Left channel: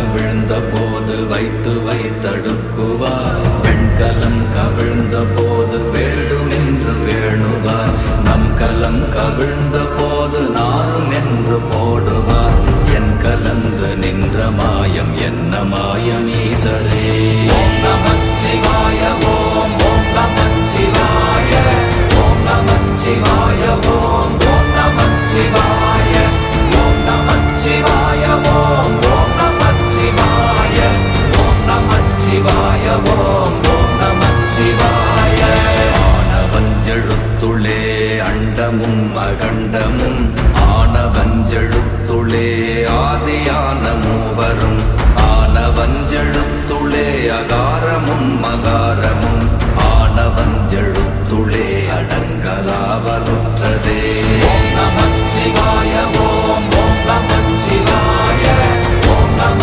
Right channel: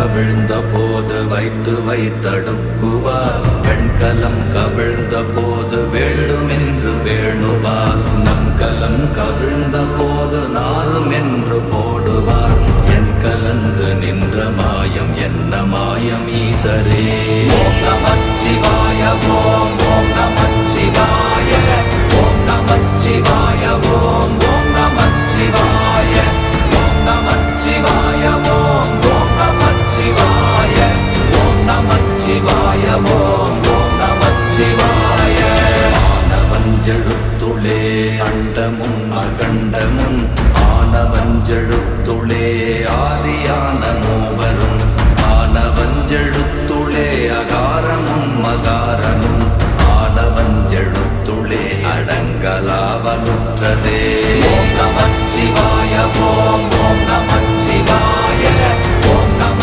கவிழ்ந்த போது வைத்து வைத்தடுக்குவார். பெண்கலம் கவிழ்ந்த போது வேண்டுமென்று வேணுவார். நம் கலம் கவிழ்ந்த போது நாரும் என்று போடுவார். என் கலந்து நின்ற மாயம் என்ன மாயம் ஈசரே. ஓம் நமச்சிவாய.